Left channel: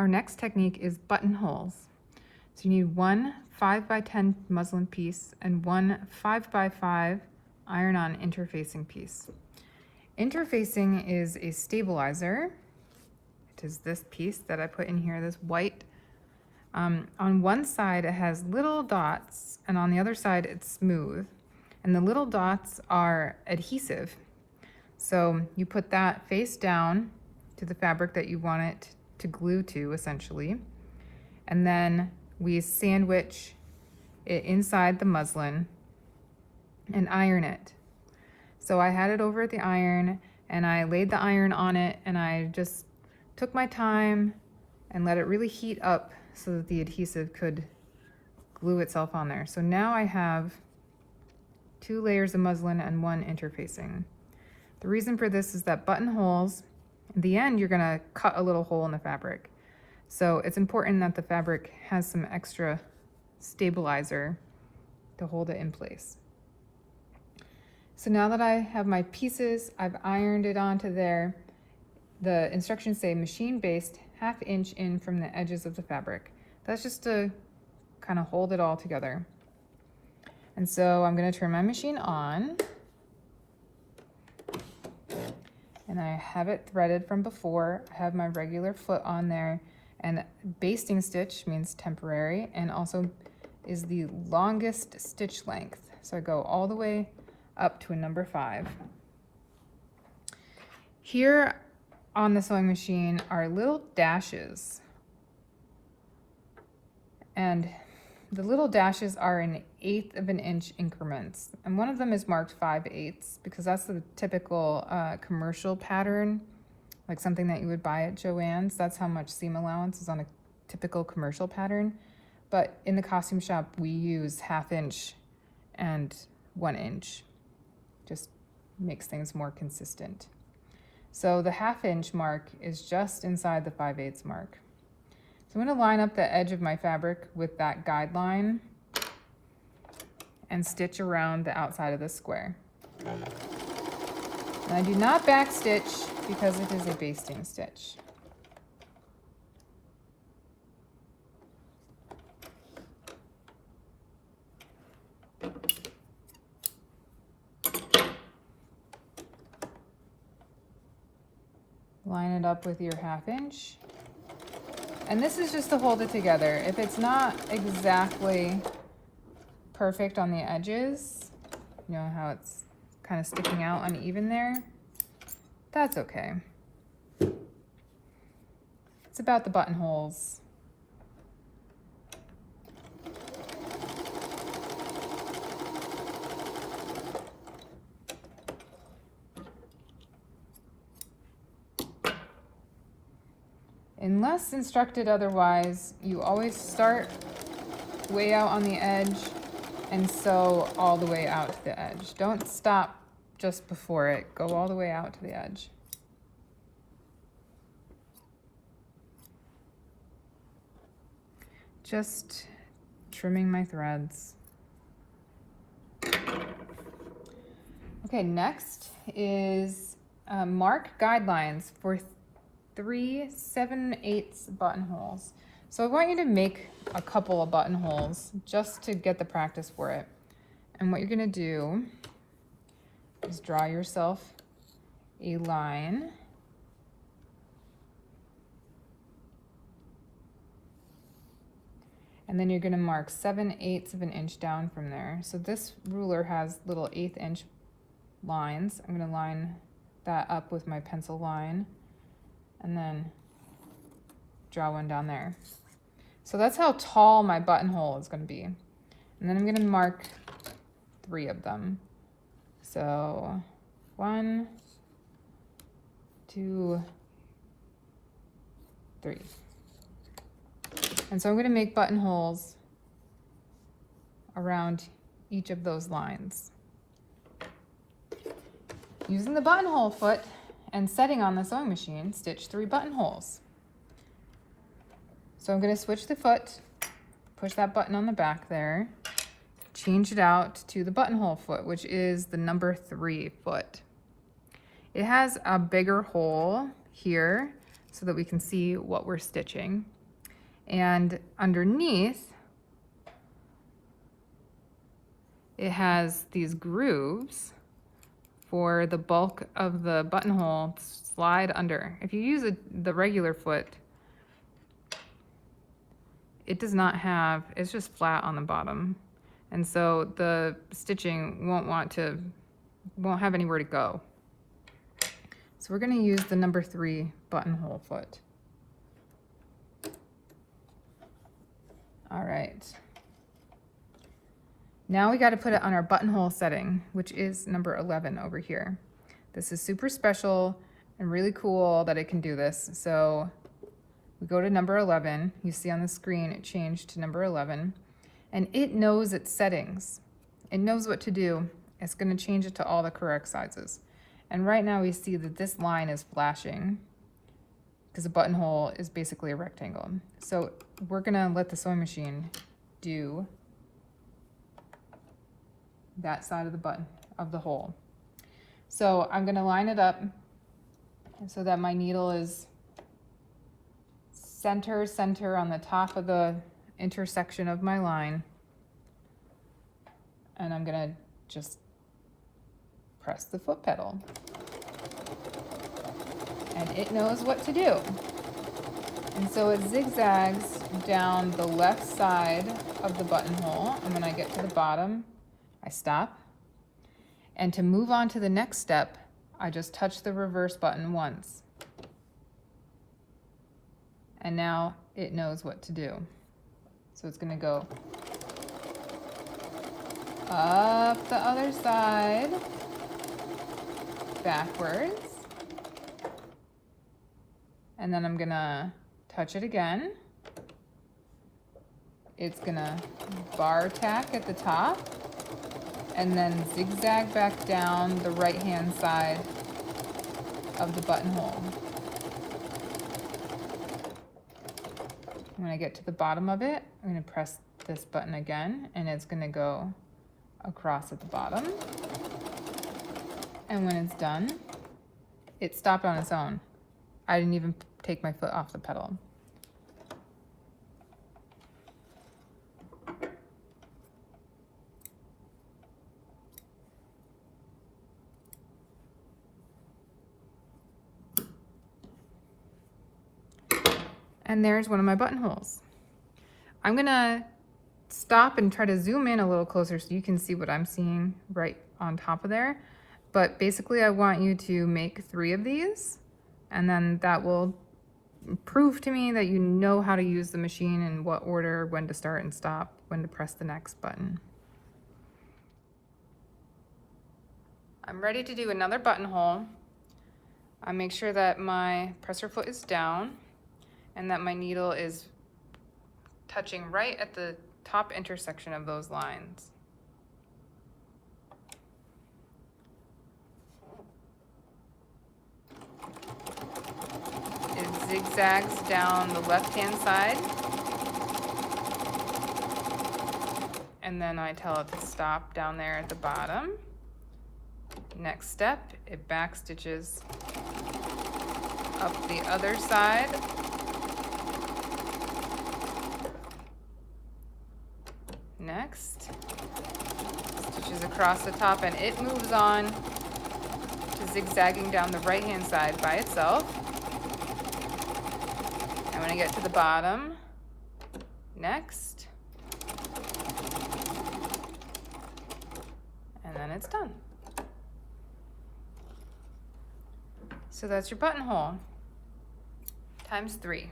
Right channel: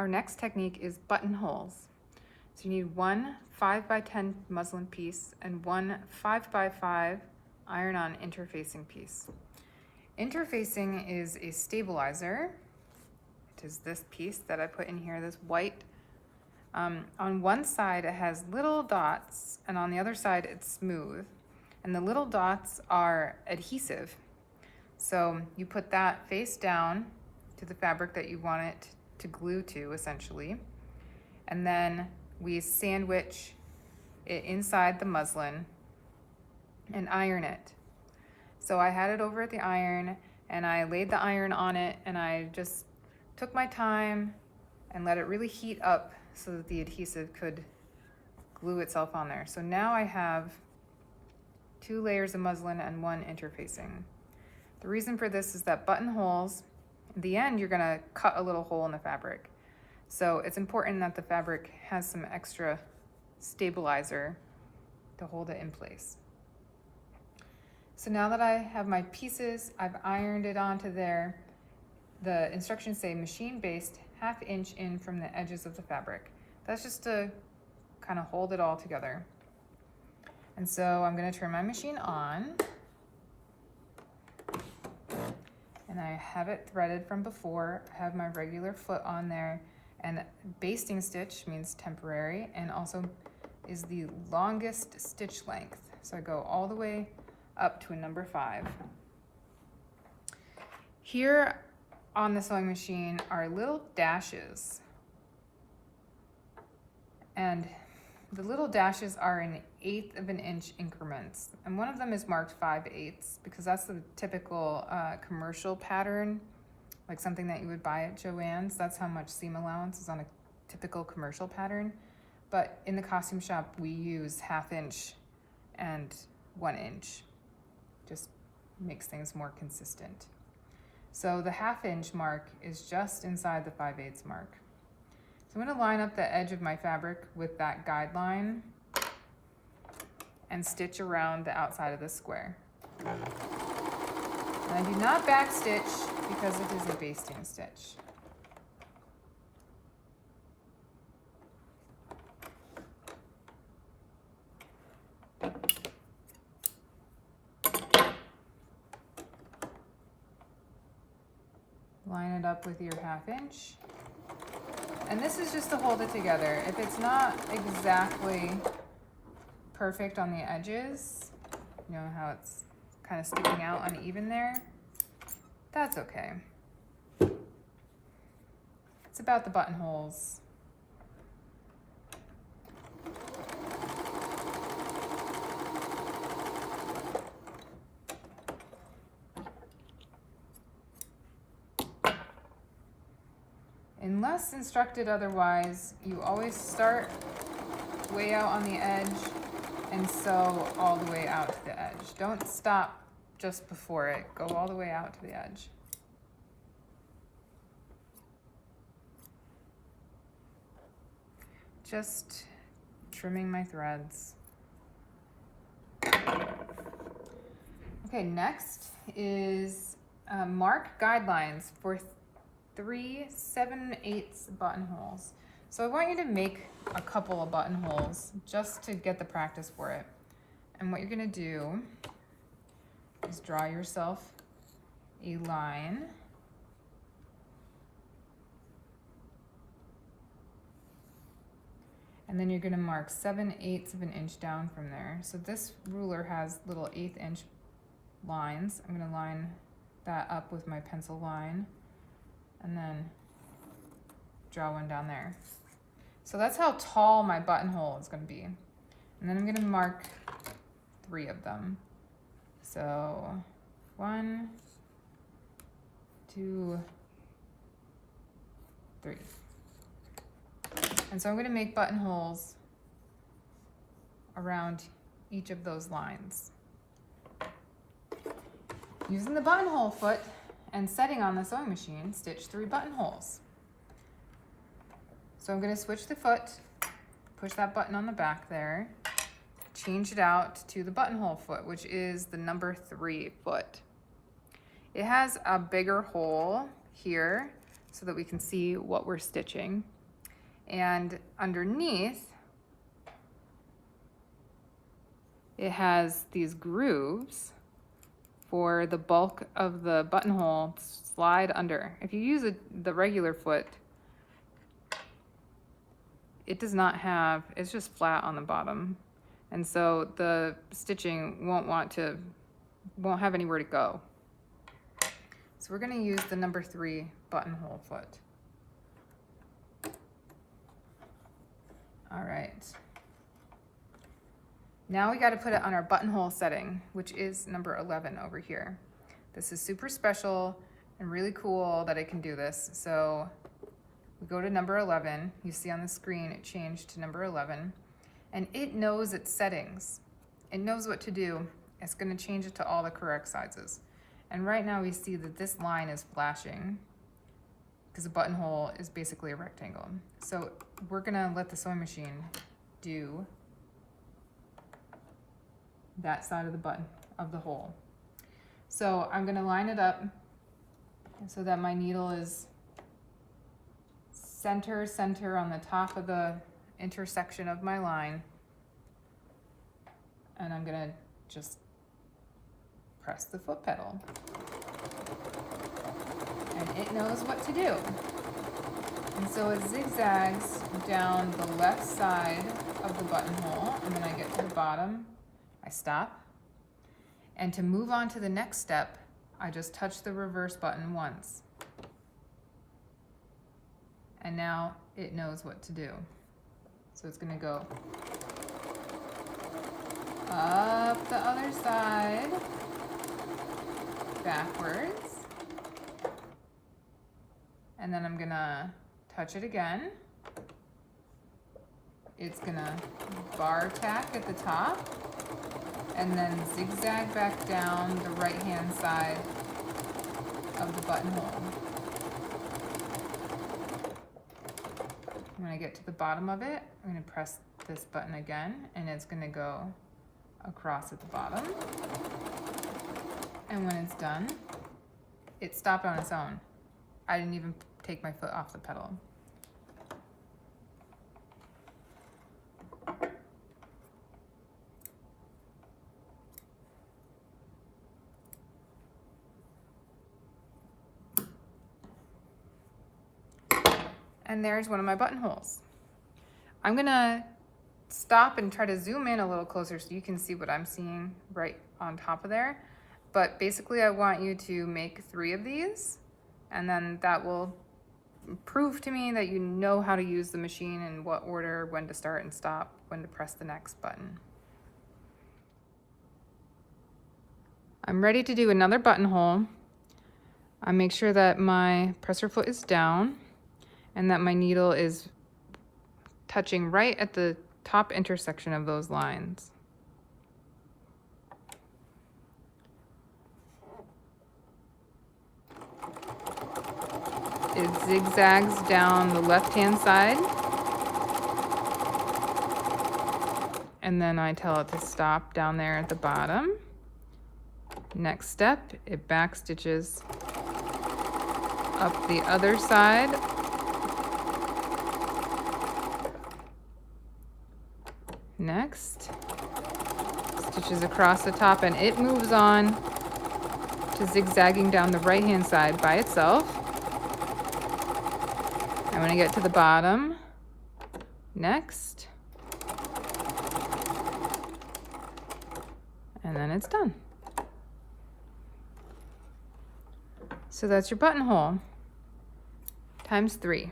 Our next technique is buttonholes. So you need one 5x10 muslin piece and one 5x5 iron-on interfacing piece. Interfacing is a stabilizer. It is this piece that I put in here, this white. On one side it has little dots and on the other side it's smooth. And the little dots are adhesive. So you put that face down to the fabric that you want it to glue to, essentially. And then we sandwich it inside the muslin and iron it. So I had it over the iron and I laid the iron on it and I just took my time and let it really heat up so that the adhesive could glue itself on there. So now I have 2 layers of muslin and 1 interfacing. The reason for this is that buttonholes, in the end, you're gonna cut a little hole in the fabric. So it's important that the fabric has some extra stabilizer to hold it in place. So now that I have my pieces, I've ironed it onto there. The instructions say machine based 1/2 inch in from the edges of the fabric. That's just to kind of hold it all together. And so I'm gonna turn my machine on. And I have it threaded from before. I have my regular foot on there, and basting stitch means temporary and also is the longest stitch length. So I go all the way up to a number 5. Here on the sewing machine are little dashes, and the little dashes are in 1/8 of an inch increments, and one of them is marked 5/8 because that's the typical commercial pattern, like something that you would buy at Joann's. That's how much seam allowance is on a typical commercial pattern. But in the costume shop, we use 1/2 inch and 1 inch. Just makes things more consistent. So the 1/2 inch mark is just inside the 5/8 mark. So I'm going to line up the edge of my fabric with that guideline and stitch around the outside of the square. And I do not back stitch because it is a basting stitch. Line it up with your 1/2 inch. And this is just to hold it together. If it's not exactly perfect on the edges, you know how it's kind of sticking out uneven there, that's okay. It's about the buttonholes. Unless instructed otherwise, you always start way out on the edge and sew all the way out to the edge. Don't stop just before it. Go all the way out to the edge. Just trimming my threads. Okay, next is mark guidelines for 3 7/8 buttonholes. So I want you to make a couple of buttonholes just to get the practice for it. And what you're gonna do is draw yourself a line. And then you're gonna mark 7/8 of an inch down from there. So this ruler has little 1/8 inch lines. I'm gonna line that up with my pencil line and then draw one down there. So that's how tall my buttonhole is going to be. And then I'm going to mark 3 of them. So 1, 2, 3. And so I'm going to make buttonholes around each of those lines. Using the buttonhole foot and setting on the sewing machine, stitch 3 buttonholes. So I'm going to switch the foot, push that button on the back there, change it out to the buttonhole foot, which is the number 3 foot. It has a bigger hole here so that we can see what we're stitching. And underneath, it has these grooves for the bulk of the buttonhole to slide under. If you use the regular foot, it does not have, it's just flat on the bottom. And so the stitching won't have anywhere to go. So we're gonna use the number 3 buttonhole foot. All right. Now we got to put it on our buttonhole setting, which is number 11 over here. This is super special and really cool that it can do this. So we go to number 11. You see on the screen it changed to number 11. And it knows its settings. It knows what to do. It's going to change it to all the correct sizes. And right now we see that this line is flashing because a buttonhole is basically a rectangle. So we're going to let the sewing machine do that side of the button of the hole. So I'm going to line it up so that my needle is center on the top of the intersection of my line, and I'm going to just press the foot pedal, and it knows what to do. And so it zigzags down the left side of the buttonhole, and then I get to the bottom, I stop, and to move on to the next step, I just touch the reverse button once. And now it knows what to do. So it's going to go up the other side, backwards, and then I'm going to touch it again. It's going to bar tack at the top, and then zigzag back down the right-hand side of the buttonhole. When I get to the bottom of it, I'm going to press this button again, and it's going to go across at the bottom. And when it's done, it stopped on its own. I didn't even take my foot off the pedal. And there's one of my buttonholes. I'm gonna stop and try to zoom in a little closer so you can see what I'm seeing right on top of there. But basically I want you to make 3 of these, and then that will prove to me that you know how to use the machine and what order, when to start and stop, when to press the next button. I'm ready to do another buttonhole. I make sure that my presser foot is down and that my needle is touching right at the top intersection of those lines. It zigzags down the left-hand side, and then I tell it to stop down there at the bottom. Next step, it back stitches up the other side. Next, stitches across the top, and it moves on to zigzagging down the right-hand side by itself. And when I get to the bottom, next, and then it's done. So that's your buttonhole times 3.